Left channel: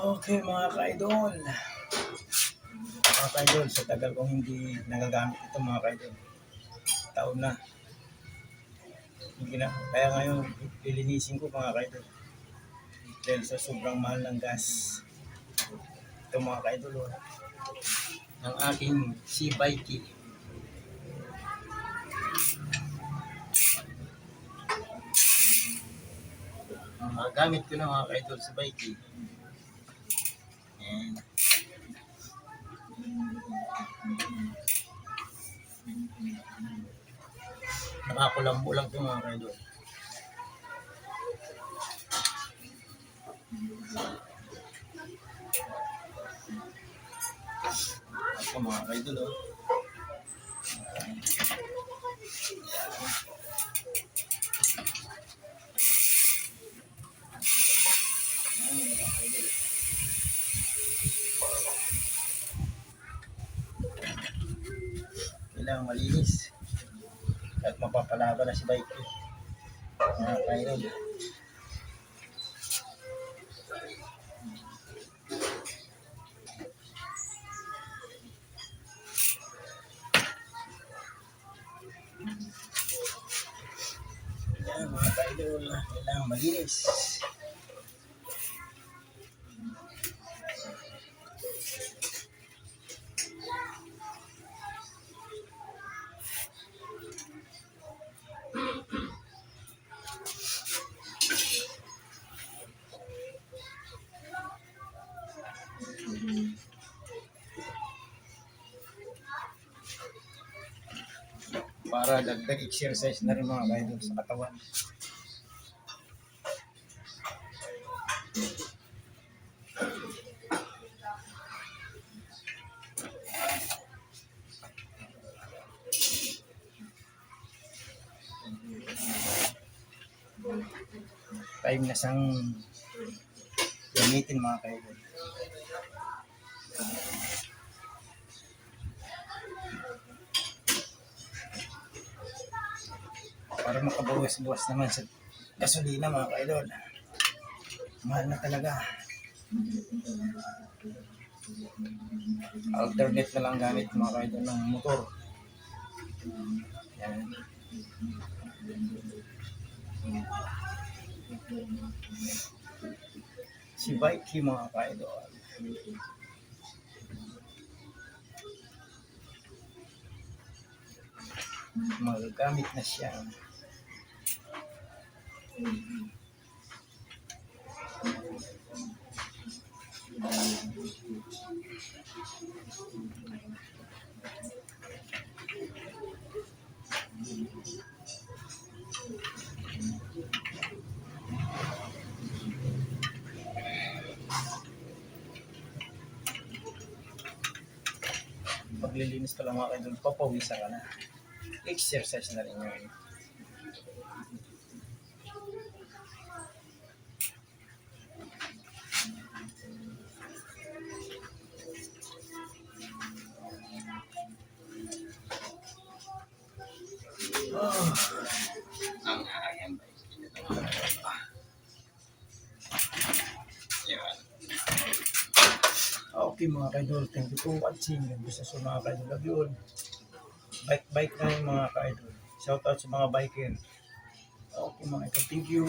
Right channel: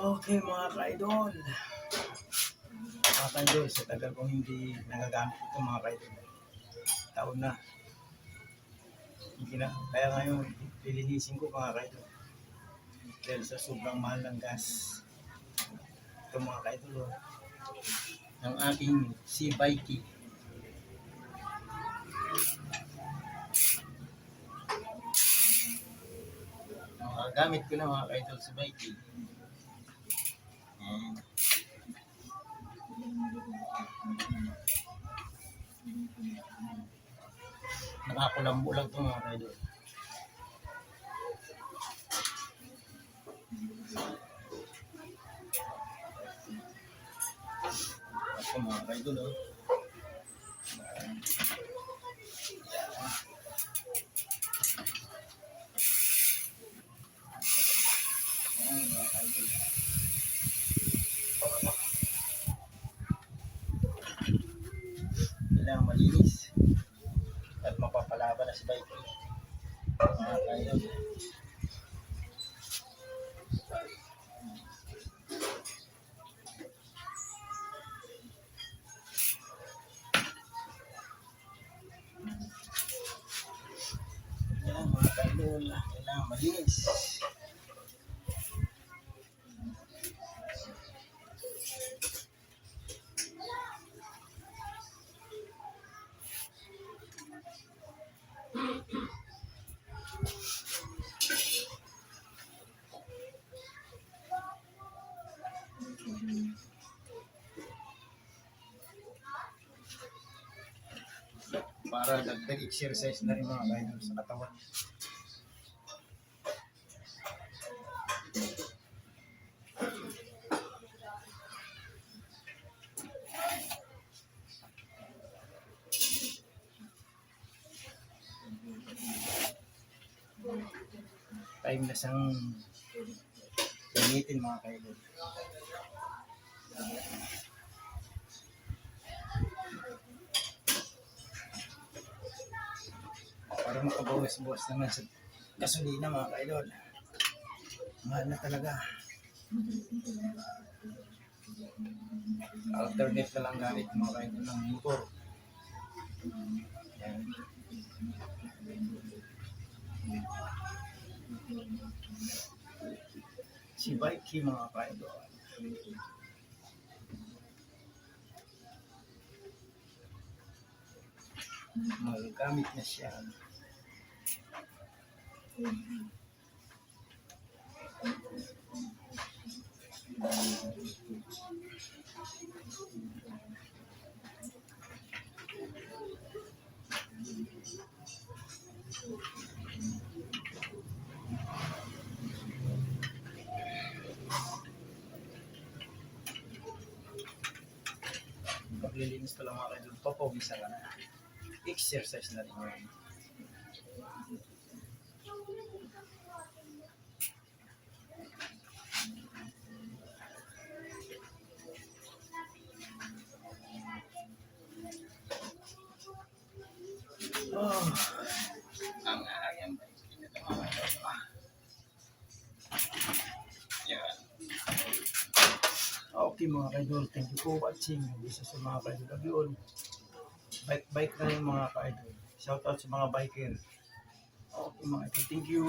Okay mga ka-idol, sa tagal kong hindi nagagamit ito mga ka-idol, taon na, hindi na, kaya ngayon lilinisin ko mga ka-idol, dahil sa sobrang mahal ng gas. Ito mga ka-idol, ng aking C-Bike. Gamit ko na mga ka-idol si Bike. Ayan. Nakakulambo lang ito mga ka-idol. Ito mga ka-idol, kailangan malinis at mapapalaba na si Bike mga ka-idol. Yan mga ka-idol, kailangan malinis. Para dagdag exercise na rin mga ka-idol sa katawan. Time na sang gamitin mga ka-idol. Para makabuwas-buwas naman sa gasolina mga ka-idol. Mahal na talaga. Alternate na lang gamit mga ka-idol ng motor. Yan. Si Bike mga ka-idol. Magagamit na siya. Paglilinis pa lang mga ka-idol, papawisan ka na. Exercise na rin yun. Ang ayan ba? Ito mga ka-idol. Yan. Okay mga ka-idol, thank you for watching. Bisa sa mga ka-idol, love you all. Bike na yung mga ka-idol. Shout out sa mga biker. Okay mga ka-idol, thank you.